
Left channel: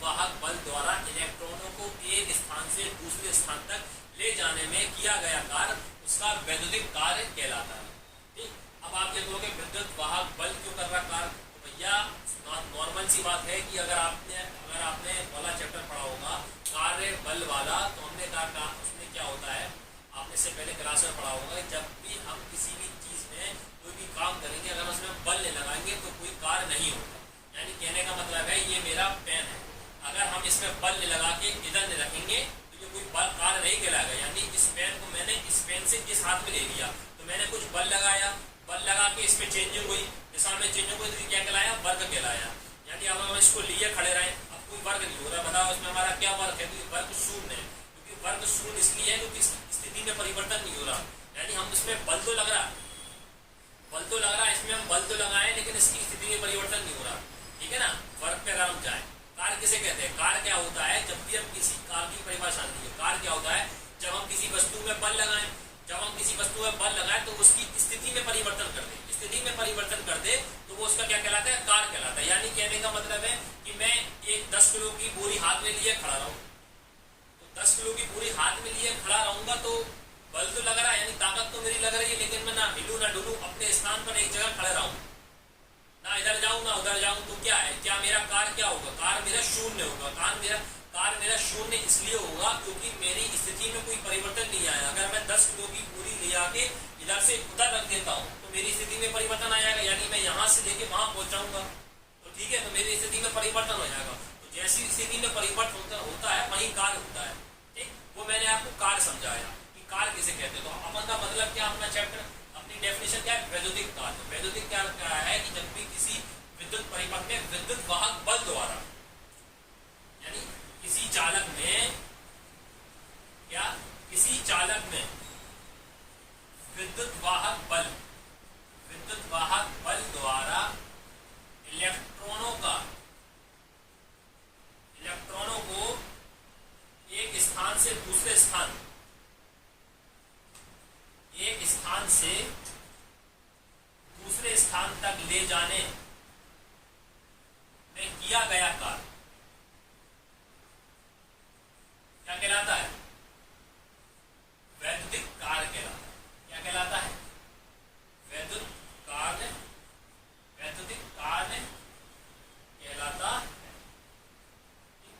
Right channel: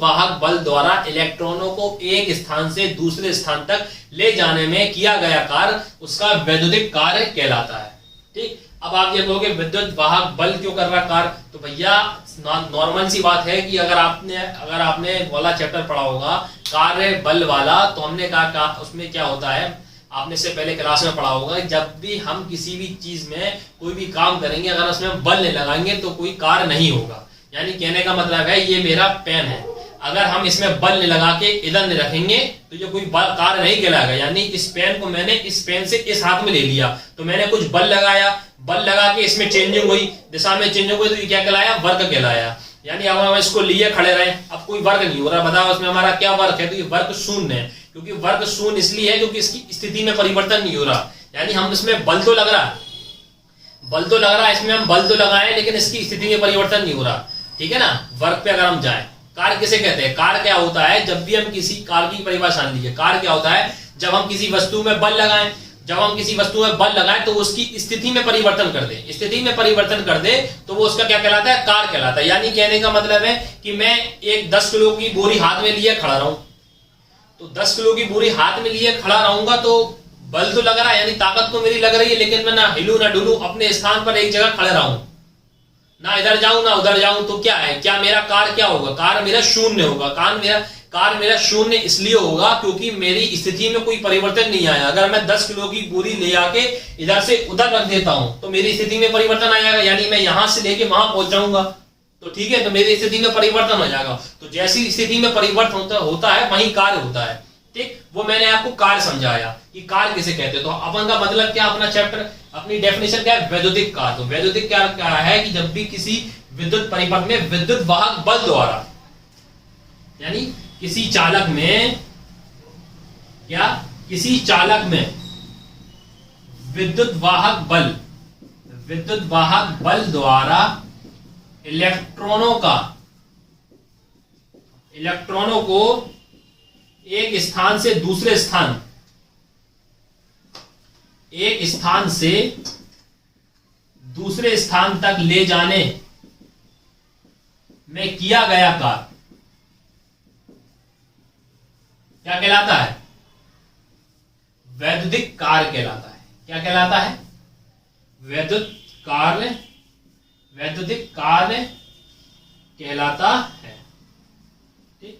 वाहक बल द्वारा इलेक्ट्रॉनों को एक स्थान से दूसरे स्थान तक ले जाने में किया गया कार्य उसका वैद्युतिक कार्य कहलाता है, ठीक। अब आप ये कहोगे विद्युत वाहक बल क्यों कर रहा कार्य, तो भैया नॉर्मल सी बात है कि अगर आपने वाला चैप्टर पढ़ा होगा कार्य बल वाला, तो हमने कहा उसमें क्या होता है, आपने इससे पहले क्लास में पढ़ा होगा, जब भी हम किसी भी चीज में कोई भी काम करेंगे अगर उसमें बल नहीं लगाएंगे तो कोई कार्य नहीं होगा। यानी कहने का मतलब है, ये मेरा पेन है, अगर हम इसमें बल लगा के इधर नहीं रखेंगे तो ये कोई कार्य नहीं कहलाएगा। यानी इस पेन को मैंने इस पेन से इस हाथ में ले लिया तो मैंने कुछ बल लगाया, बल लगा के इसमें चेंजिंग हुई, दिशा में चेंजिंग हुई, तो ये क्या कहलाया? वर्क कहलाया। यानी अब हम इसको लिए खड़े रहे, अब कोई वर्क नहीं हो रहा, बताओ इसमें हमारा क्या वर्क है? तो ये वर्क शून्य है, क्योंकि वर्क शून्य इसलिए है क्योंकि इसकी स्थिति में परिवर्तन नहीं हो रहा। यानी हम इसमें बल तो लग रहा है, बल तो लग रहा है, इसमें हम बल तो लगाए लेकिन इसकी स्थिति में परिवर्तन नहीं हो रहा। ठीक है ना? वर्क पे अगर हम जाए, कार्य किसे कहते हैं? कार्य क्या होता है? जब भी हम किसी कार्य की परिभाषा लीजिए, कार्य क्या होता है? जब हम किसी वस्तु में बल लगाएं, जब हम किसी वस्तु में बल लगाएं तो उसकी स्थिति में परिवर्तन कर दे, स्थिति में परिवर्तन कर दे तो वो उसका क्या कहलाता है? कार्य कहलाता है। यानी कहने का मतलब है कि मैं एक 10 किलो की बोरी हाथ में लिए खड़ा रहूं, तो 10 किलो की बोरी हाथ में लिए खड़ा रहूंगा तो बल तो लग रहा है, यानी ताकत तो मेरी लग रही है, लेकिन मैं ना हिलूं ना डुलूं, अपने स्थान पर एक जगह खड़े रहूं, ना इधर जाऊं ना उधर जाऊं, तो क्या है? क्या मेरा कार्य क्या होगा? कार्य मेरा शून्य होगा। कार्य मेरा शून्य इसलिए होगा क्योंकि मेरी स्थिति में कोई परिवर्तन नहीं आया। अगर मैं 10 किलो की बोरी ले आके इधर से उधर रख देता हूं तो मेरी स्थिति में परिवर्तन आ जाएगा, यानी मैं यहां से लेके वहां पहुंच जाऊंगा, तो ठीक है, तो मेरी स्थिति में परिवर्तन हो जाएगा। तो जैसी स्थिति में परिवर्तन होता है वही कार्य होता है। ठीक, वो मैंने आपको कार्य समझाया कि कार्य किसे कहते हैं। तो अपन का मतलब क्या? अपना चैप्टर, अपनी डेफिनेशन क्या है? वैद्युतिक कार्य। तो वैद्युतिक कार्य क्या है कि जब भी किसी विद्युत परिपथ में विद्युत वाहक बल द्वारा, यानी किसी चालक में क्या, किसी चालक में विद्युत वाहक बल द्वारा इलेक्ट्रॉनों को एक स्थान से दूसरे स्थान, एक स्थान से दूसरे स्थान तक ले जाने में किया गया कार्य क्या कहलाता है? वैद्युतिक कार्य कहलाता है। क्या कहलाता है? वैद्युतिक कार्य कहलाता है। ठीक,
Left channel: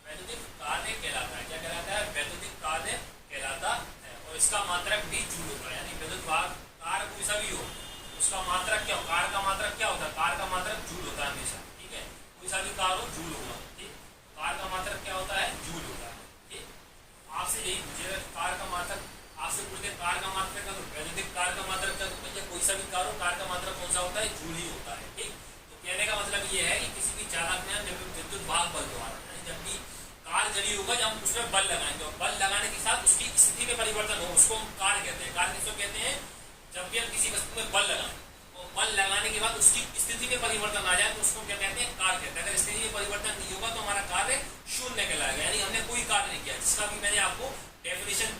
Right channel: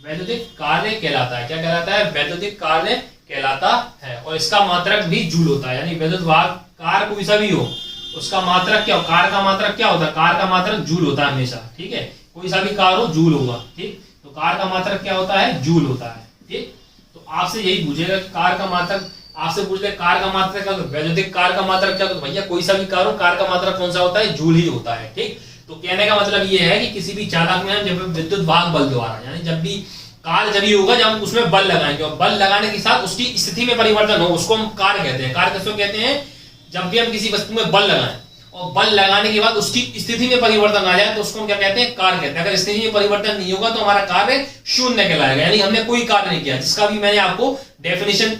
वैद्युतिक कार्य कहलाता है। क्या कहलाता है? वैद्युतिक कार्य कहलाता है। और इसका मात्रक भी जूल होता है। यानी विद्युत वाहक कार्य कोई सा भी हो, उसका मात्रक क्या हो? कार्य का मात्रक क्या होता है? कार्य का मात्रक जूल होता है हमेशा। ठीक है, कोई सा भी कार्य हो जूल होगा। ठीक, तो कार्य का मात्रक क्या होता है? जूल होता है। ठीक, तो आपसे यही पूछेगा कार्य का मात्रक, आपसे पूछ ले कार्य का मात्रक क्या, वैद्युतिक कार्य का मात्रक क्या? तो भैया कोई सा भी कार्य हो, कार्य का मात्रक कौन सा होता है? जूल ही होता है। ठीक, तो कहने का मतलब ये है कि किसी भी चालक में जब विद्युत वाहक बल द्वारा, यानी जब भी कार्य जब ही होगा जब हम उसमें बल लगाएंगे, और बल लगाने के साथ उसकी स्थिति में परिवर्तन हो, उसको हम कार्य कहते हैं। कार्य किसको कहते हैं? जब भी हम किसी वस्तु में बल लगाएं और बल लगाने के बाद उसकी स्थिति में परिवर्तन आ जाए तो उसको हम क्या कहते हैं? कार्य कहते हैं। अगर स्थिति में परिवर्तन नहीं होगा तो हमारा कार्य शून्य कहलाएगा, यानी हमने कोई कार्य नहीं किया। जिसका भी मैंने आपको डेफिनेशन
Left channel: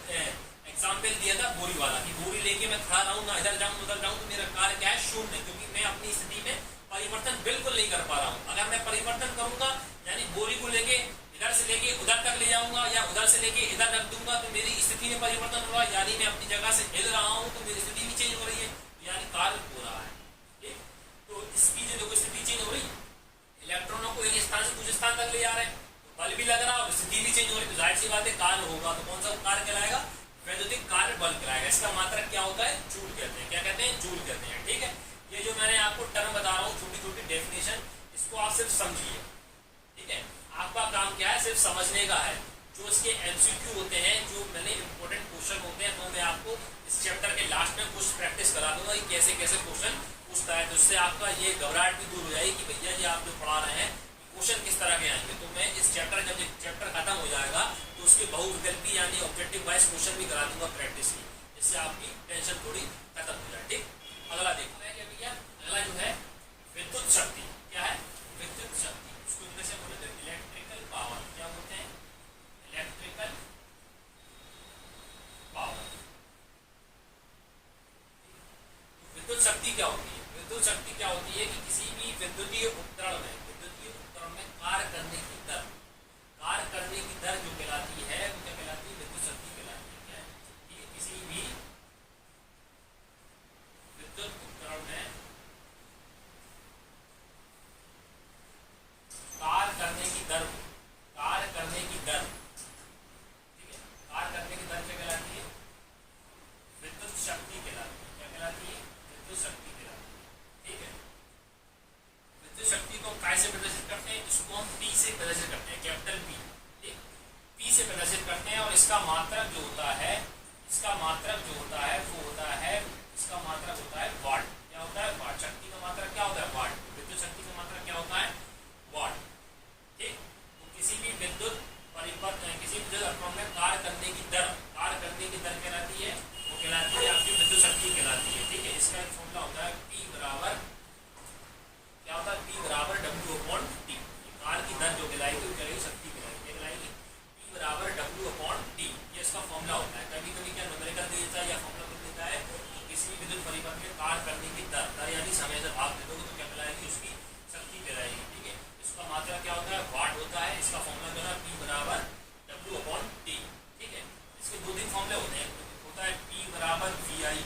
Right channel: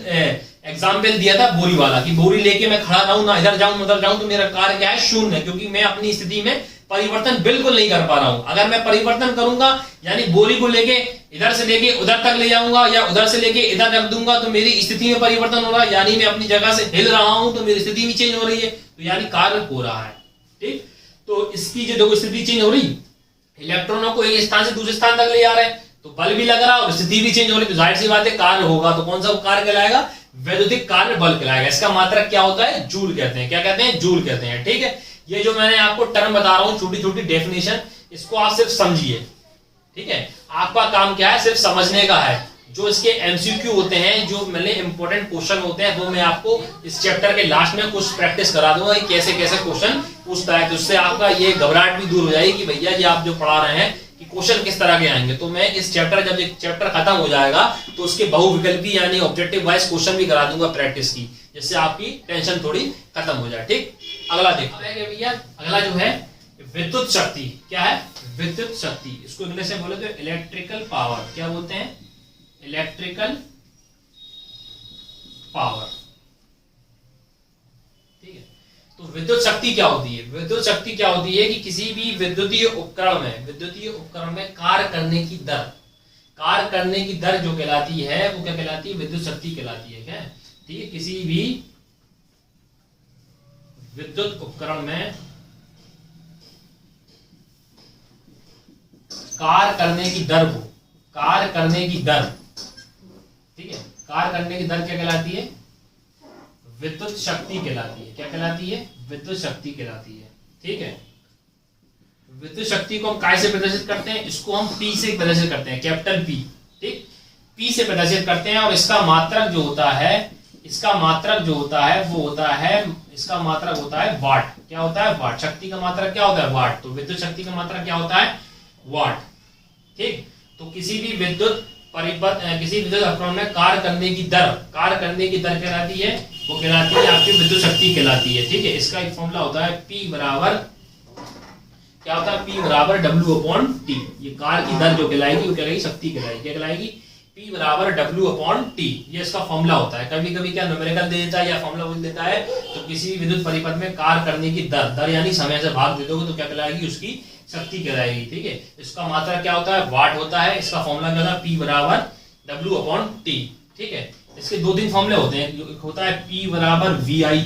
एग्जाम्पल दिया था बोरी वाला, कि बोरी लेके मैं खड़ा रहूं, ना इधर जाऊं उधर जाऊं, तो मेरा कार्य क्या है? शून्य, क्योंकि मैं अपनी स्थिति में परिवर्तन बिल्कुल नहीं कर पा रहा हूं। अगर मैं परिवर्तन करूंगा, यानी बोरी को लेके इधर से लेके उधर तक ले जाऊंगा या उधर से लेके इधर रख दूंगा, तो मेरी स्थिति में परिवर्तन हो रहा है, यानी मैं अपनी जगह से हिल रहा हूं, तो मेरी स्थिति भी चेंज हो रही है, तो यानी कार्य हो रहा है। ठीक, तो इसकी जो देखो स्थिति चेंज हो रही, इलेक्ट्रॉनों को एक स्थान से दूसरे स्थान तक ले जा रहे हैं, तो बल भी लग रहा है और स्थिति भी चेंज हो रही, तो जाहिर सी बात है कार्य होगा। तो कौन सा कार्य कहलाएगा? वैद्युतिक कार्य बल कहलाएगा। इसका मात्रक क्या होता है? जूल कहते हैं। क्या कहते हैं? जूल कहते हैं। ठीक है, ये जो मैंने आपको टर्म बता रहा हूं, छोटी छोटी डेफिनेशन, इसको आप सिर्फ समझिए। ठीक है, आपका काम क्या है? सिर्फ समझने का है। जो इसके एमसीक्यू होते हैं, जो मैंने इंपॉर्टेंट क्वेश्चन होते हैं, वो मैं आपको इस चैप्टर के लास्ट में कुछ प्रैक्टिस करा दूंगा कि कैसे कैसे क्वेश्चन पूछता है, तो उससे आपका ये घबराहट भी दूर हो जाएगी कि भैया जी आप जो पढ़ा रहे हैं कि क्वेश्चन किस तरह के आएंगे। तो मैं इस चैप्टर, जब ये चैप्टर खत्म हो जाएगा तो उसके बहुविकल्पी यानी ऑब्जेक्टिव वाइज क्वेश्चन भी करा दूंगा प्रैक्टिस की, जिससे आपकी टेंशन थोड़ी खत्म हो जाए। ठीक, अगला देखो भैया, अगला जो है विद्युत शक्ति। क्या है? विद्युत शक्ति। इसको इंग्लिश में बोले तो इलेक्ट्रिकल पावर। क्या बोलते हैं? Electrical power. ठीक है, तो विद्युत शक्ति क्या होती है? विद्युत शक्ति क्या होती है कि किसी भी विद्युतीय उपकरण में कार्य करने की दर जो कहलाती है, वो क्या कहलाती है? विद्युत शक्ति कहलाती है। क्या? ठीक है, किसी भी विद्युत उपकरण में कार्य करने की दर को, कार्य करने की दर, ठीक है, कार्य करने की दर क्या कहलाती है? विद्युत शक्ति कहलाती है। क्या कहलाती है? विद्युत शक्ति कहलाती है। ठीक है, विद्युत शक्ति को हम काय से प्रदर्शित करते हैं, इसको हम P से प्रदर्शित करते हैं, कैपिटल P, ठीक, P से प्रदर्शित करते हैं। और इसका मात्रक जो होता है, इसका मात्रक जो होता है वो होता है, इसका मात्रक होता है वाट। क्या होता है? वाट। शक्ति का मात्रक क्या होता है? वाट। तो विद्युत शक्ति का मात्रक क्या होता है? वाट, ठीक। तो किसी भी विद्युत किसी विद्युत उपकरण में कार्य करने की दर कहलाती है, वो कहलाती है आपकी विद्युत शक्ति कहलाती है, ठीक है। इसका एक फॉर्मूला होता है P बराबर क्या होता है? P बराबर W/T। ये कार्य की दर जो कहलाएगी वो कहलाएगी शक्ति कहलाएगी। क्या कहलाएगी? P बराबर W/T। ये इसका फॉर्मूला होता है। कभी कभी क्या न्यूमेरिकल दे देता है या फॉर्मूला बोल देता है, तो किसी भी विद्युत परिपथ में कार्य करने की दर यानी समय से भाग दे दोगे तो क्या कहलाएगी? उसकी शक्ति कहलाएगी, ठीक है। इसका मात्रक क्या होता है? वाट होता है। इसका फॉर्मूला क्या होता है? P बराबर W/T, ठीक है। इसके दो तीन फॉर्मूले होते हैं। एक होता है P बराबर VI,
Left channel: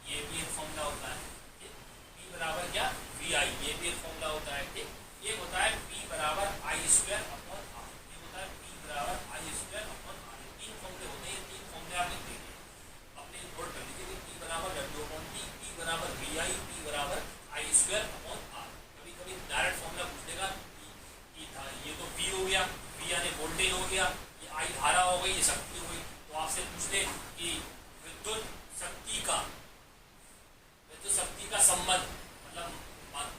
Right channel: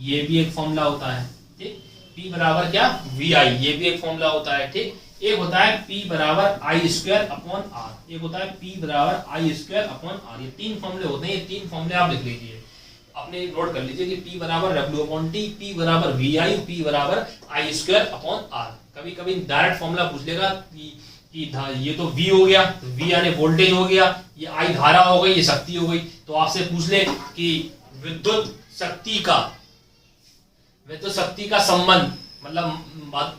ये भी एक फॉर्मूला होता है, ठीक। P बराबर क्या? VI, ये भी एक फॉर्मूला होता है, ठीक। एक होता है P बराबर I²/R, एक होता है P बराबर I²/R। ये तीन फॉर्मूले होते हैं। ये तीन फॉर्मूले आप लिख लीजिए, अपने नोट कर लीजिए कि P बराबर W/T, P बराबर VI, P बराबर I²/R। कभी कभी डायरेक्ट फॉर्मूला पूछ लेगा कि ये तो V हो गया, V यानी वोल्टेज हो गया, ये I धारा हो गई, ये शक्ति हो गई। तो आपसे पूछ ले कि विद्युत शक्ति का संबंध मतलब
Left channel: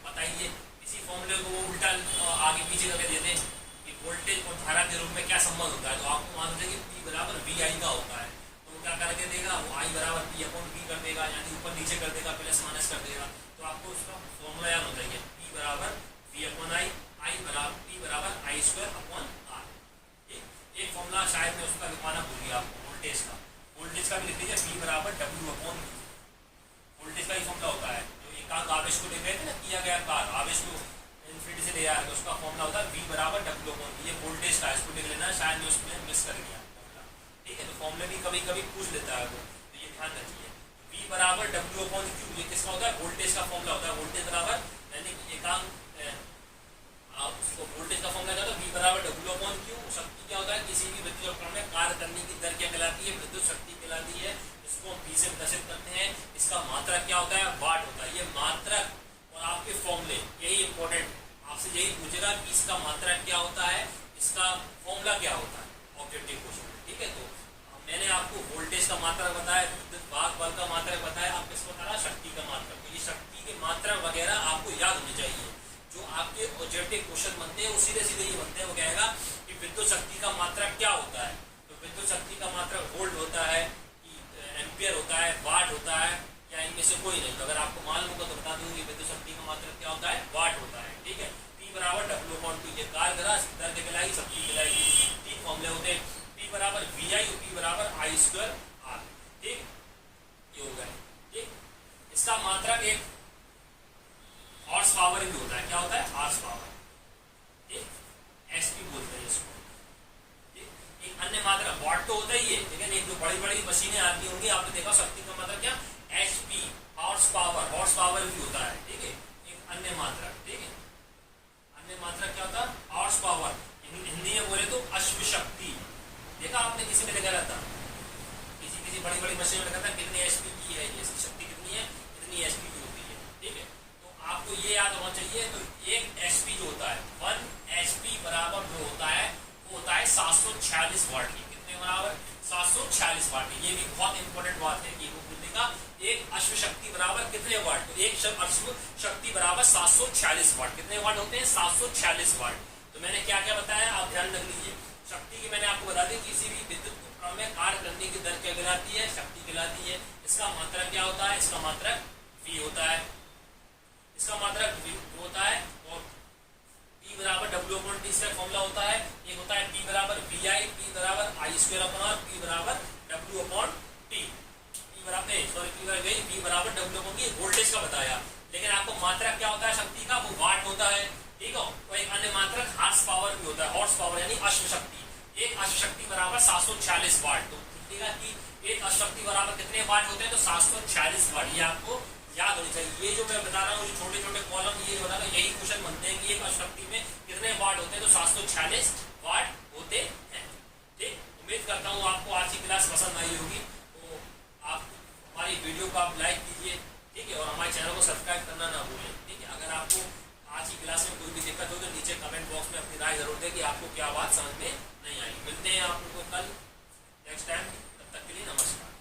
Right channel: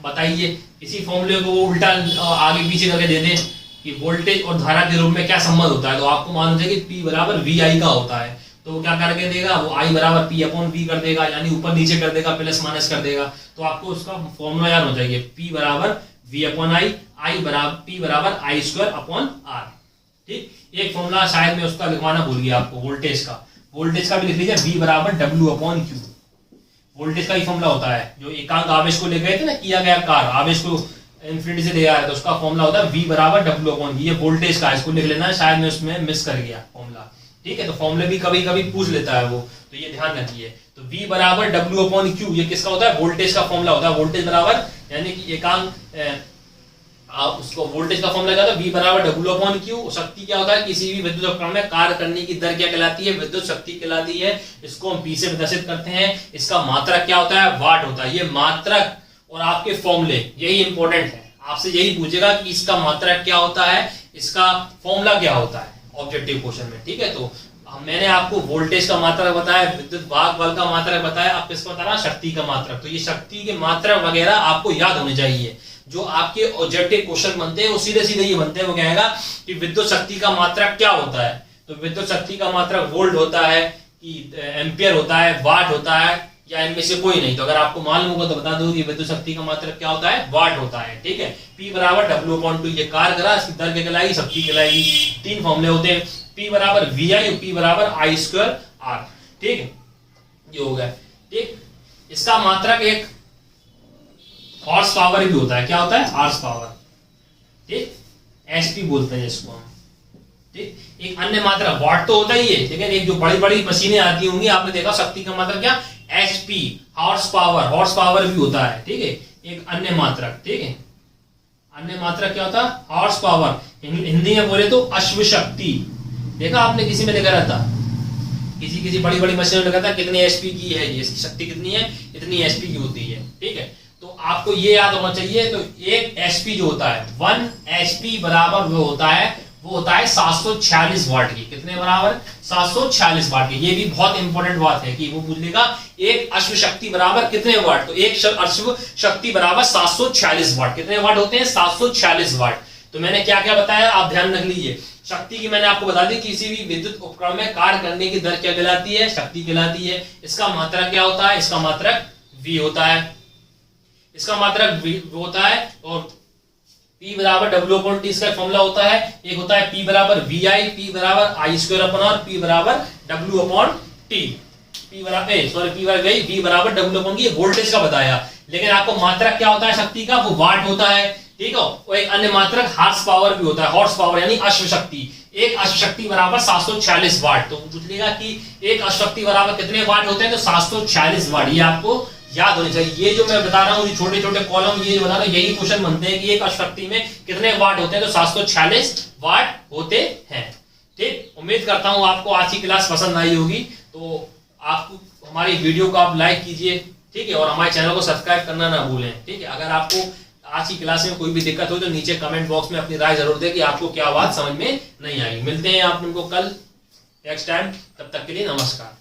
बताइए, किसी फॉर्मूले को वो उल्टा आगे पीछे करके दे दे कि वोल्टेज और धारा के रूप में क्या संबंध होता है, तो आपको मालूम है कि P बराबर VI का होता है। तो क्या करके देगा वो? I बराबर P/V कर देगा, यानी ऊपर नीचे कर देगा, प्लस माइनस कर देगा। तो आपको उसका फॉर्मूला याद हो जाएगा, P बराबर V/I, P बराबर I²/R, ठीक। एक फॉर्मूला शायद मैं उसका लिखवाना भूल गया आपको, वोल्टेज का भी लिख लीजिए, V बराबर W/Q। वोल्टेज का ही फॉर्मूला होता है। जो एकांक आवेश को ले गए थे ना, किया गया कार्य, आवेश को इन्फिनिटी से ले आया तो उसका फॉर्मूला होता है V बराबर W/V। ये वोल्टेज का, इसको लिख लेना है, शायद मैं उसमें मिस कर गया फॉर्मूला, ठीक है। तो फॉर्मूले भी कभी कभी पूछ लेता है वो, तो ये ध्यान रखिए। तो V बराबर W/Q ये किसका होता है? वोल्टेज का फॉर्मूला होता है। वोल्टेज बराबर यानी कि एकांक उसको वोल्टेज का फॉर्मूला क्या होता है? V बराबर W/Q। शक्ति क्या होता है? किसी भी विद्युत उपकरण में कार्य करने की दर क्या कहलाती है? विद्युत शक्ति कहलाती है। इसको हम P से प्रदर्शित करते हैं। इसका मात्रक क्या होता है? वाट होता है। ये मात्रक और आपके फॉर्मूले यही इंपॉर्टेंट है। आपसे यही पूछेगा कि इसका मात्रक क्या होता है, इसका फॉर्मूला क्या होता है ऑब्जेक्टिव क्वेश्चन में, ठीक है। तो मैंने आपको वोल्टेज का मात्रक बताया, विद्युत वाहक बल का मात्रक बताया, आप किसको बता रहा? शक्ति का मात्रक। तो ये शक्ति के मात्रक वगैरह आपको याद होने चाहिए। जो आपके ऑब्जेक्टिव क्वेश्चन बनते हैं वो सीधे सीधे ये बनते हैं। वो कहेगा कि विद्युत शक्ति का मात्रक क्या होता है, तो विद्युत शक्ति का मात्रक वोल्ट होता है कि एम्पियर होता है, वाट होता है, या इनमें से कोई नहीं। तो अगर आपको मालूम होगा तो बता दो कि विद्युत शक्ति का मात्रक क्या होता है? वाट होता है, ठीक है। P बराबर W/T, ये कार्य करा, इसकी दर क्या कहलाएगी? शक्ति कहलाएगी। तीन फॉर्मूले होते हैं, P बराबर VI, P बराबर I²/R, ठीक है। ये हो गया, ठीक। इसका मात्रक एक हॉर्स पावर भी होता है। क्या होता है? हॉर्स पावर, ठीक, HP बोलते हैं इसको हम, ठीक। एक अन्य मात्रक वाट तो होता ही है, ठीक है। एक जो बड़ी बड़ी मशीनें आती होंगी, आपने देखा शक्ति का मात्रक क्या? HP, हॉर्स पावर भी होता है, ठीक है। एक अन्य मात्रक, ठीक है। अन्य मात्रक क्या होता है? Horse power. हिंदी में बोले तो अश्व शक्ति। देखा आपने किसी में लिखा रहता, किसी बड़ी बड़ी मशीन में लिखा था कितनी HP की है, ये शक्ति कितनी है, इतनी HP की होती है, ठीक है। तो आपको ये याद होना चाहिए। तो एक HP जो होता है, 1 HP बराबर वो होता है 746 वाट की। कितने बराबर? 746 वाट की। ये भी बहुत इंपॉर्टेंट बात है कि वो पूछेगा एक अश्व शक्ति बराबर कितने वाट, तो एक अश्व शक्ति बराबर 746 वाट। कितने वाट होते हैं? 746 वाट। तो मैंने क्या क्या बताया, आप ध्यान रख लीजिए। शक्ति की मैंने आपको बता दी, किसी भी विद्युत उपकरण में कार्य करने की दर क्या कहलाती है? शक्ति कहलाती है। इसका मात्रक क्या होता है? इसका मात्रक V होता है। इसका मात्रक V होता है। और P बराबर W/T इसका फॉर्मूला होता है। एक होता है P बराबर VI, P बराबर I²/R, P बराबर W/T। P बराबर V बराबर W/T। ये वोल्टेज का बताया, लेकिन आपको मात्रक क्या होता है शक्ति का? वो वाट होता है, ठीक है। और एक अन्य मात्रक हॉर्स पावर भी होता है। हॉर्स पावर यानी अश्व शक्ति। एक अश्व शक्ति बराबर 746 वाट। तो पूछ लेगा कि एक अश्व शक्ति बराबर कितने वाट होते हैं, तो 746 वाट। ये आपको याद होनी चाहिए। ये जो मैं बता रहा हूँ, छोटे छोटे कॉलम ये जो बता रहा हूँ, यही क्वेश्चन बनते हैं कि एक अश्व शक्ति में कितने वाट होते हैं, तो 746 वाट होते हैं, ठीक। उम्मीद करता हूँ आपको आज की क्लास पसंद आई होगी। तो आप हमारी वीडियो को आप लाइक कीजिए, ठीक है, और हमारे चैनल को सब्सक्राइब करना ना भूलें, ठीक है। अगर आपको आज की क्लास में कोई भी दिक्कत हो तो नीचे कमेंट बॉक्स में अपनी राय जरूर दें कि आपको क्या बात समझ में नहीं आई। मिलते हैं आप लोगों को कल नेक्स्ट टाइम, तब तक के लिए नमस्कार।